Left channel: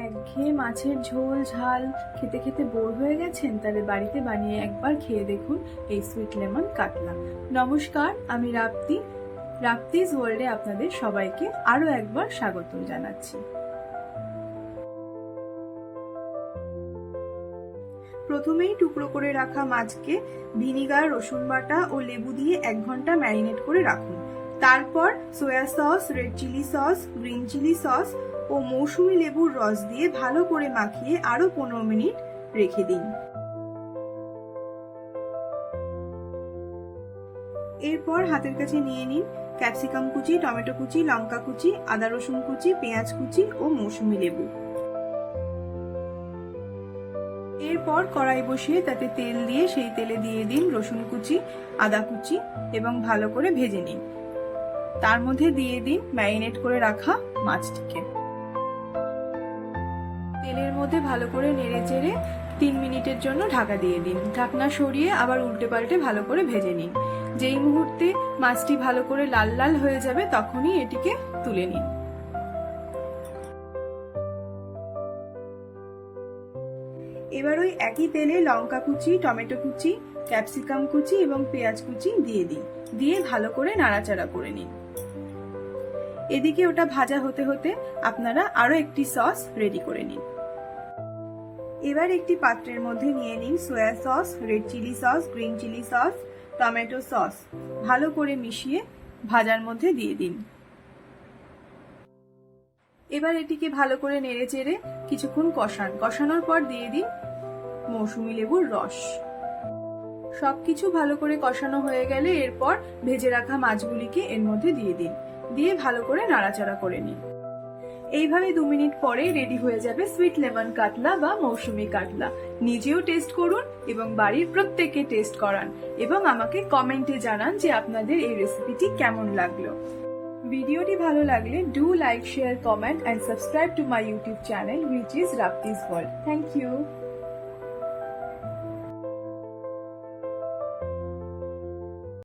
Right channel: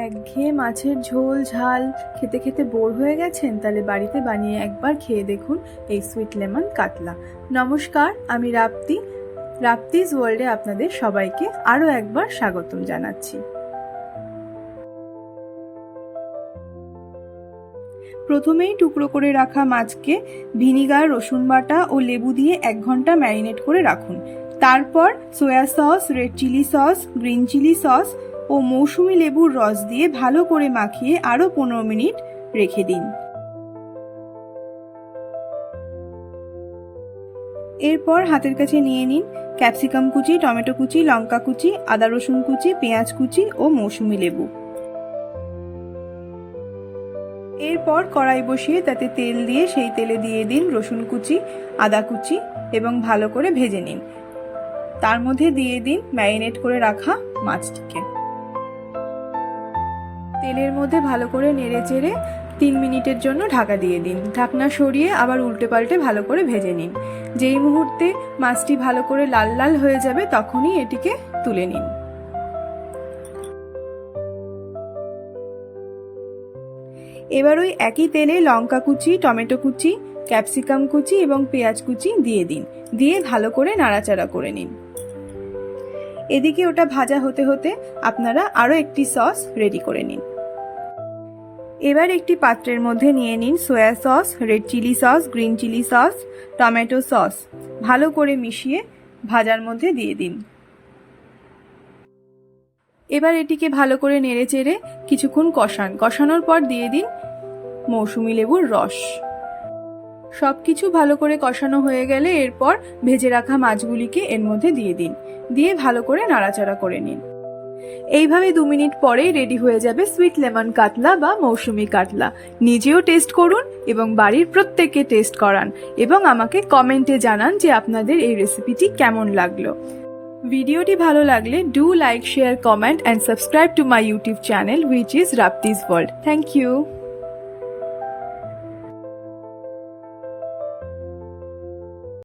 একঘেয়ে মাছের ঝোল ঝাল খেতে খেতে বোর হয়ে গেছেন? তাহলে বাড়িতে বানিয়ে একবার খেয়ে দেখুন এই সুইট লেমন কাতলা। নমস্কার, আমি রাপ্তিজ ওয়ার্ল্ডে আপনাদের সবাইকে আরও একবার স্বাগতম জানাচ্ছি। প্রথমেই টুকরো করে রাখা মাছকে ভিনিগার, রসুন বাটা ও লেবু দিয়ে 1 ঘন্টা ম্যারিনেট করে রাখুন। তারপর soya sauce, red chilli sauce, green chilli sauce ও মৌসুমী লেবুর রস দিয়ে ভালো করে মাখিয়ে আরও 15 মিনিট রেখে দিন। এরপর হাতের কাছে নিয়ে নিন ক্যাপসিকাম কুচি, টমেটো কুচি, লঙ্কা কুচি, আদা রসুন কুচি, পেঁয়াজ কুচি ও মৌসুমী লেবু। এরপর কড়াই বসিয়ে তাতে তেল দিয়ে সেই তেলে দিয়ে দিন রসুন কুচি, আদা কুচি এবং ভালো করে ভেজে নিন। তার মধ্যে দিয়ে দিন ম্যারিনেট করে রাখা মাছটিকে। তেলের মধ্যে ভালো করে নেড়ে চেড়ে 3 মিনিটের জন্য ঢাকা দিয়ে দিন। ঢাকনা সরিয়ে আবার উল্টে পাল্টে ভালো করে ভেজে নিন। যেই মুহূর্তে মাছটি ভালো করে লাল লাল হয়ে যাবে তখনই এটিকে তুলে নিন। এবার ওই একই তেলে লঙ্কা কুচি, টমেটো কুচি, ক্যাপসিকাম কুচি এবং পেঁয়াজ কুচি দিয়ে দিন। দিয়ে ভালো করে নাড়াচাড়া করে নিন। এদিকে ওটা ভাজা হতে হতে আপনারা আরও একটি সস রেডি করে নিন। এবার একটি পাত্রের মধ্যে নিয়ে নিন soya sauce, red chilli sauce, green chilli sauce, tomato sauce. ভালো করে মিশিয়ে ভাজার মধ্যে দিয়ে দিন। এবার এটিকে ভালো করে নেড়ে চেড়ে কিছুক্ষণ কষানোর পর দিয়ে দিন মৌসুমী লেবুর রস। সবকিছু ভালো করে কষানো হয়ে গেলে এরপর ভেজে রাখা মাছগুলিকে এর মধ্যে দিয়ে দিন। দিয়ে ভালো করে নাড়াচাড়া করে নিন। এইভাবে 2 মিনিট পরেই রেডি হয়ে যাবে সুইট লেমন কাতলা বা মৌসুমী কাতলা। নিজেও টেস্ট করুন এবং বাড়ির প্রত্যেককে টেস্ট করান এবং আমাকে কমেন্টে জানান যে আপনাদের এই রেসিপিটি কেমন লাগলো। ভিডিওটি ভালো লাগলে do like, share, comment and subscribe to my YouTube channel which is Rapti's World. Thank you.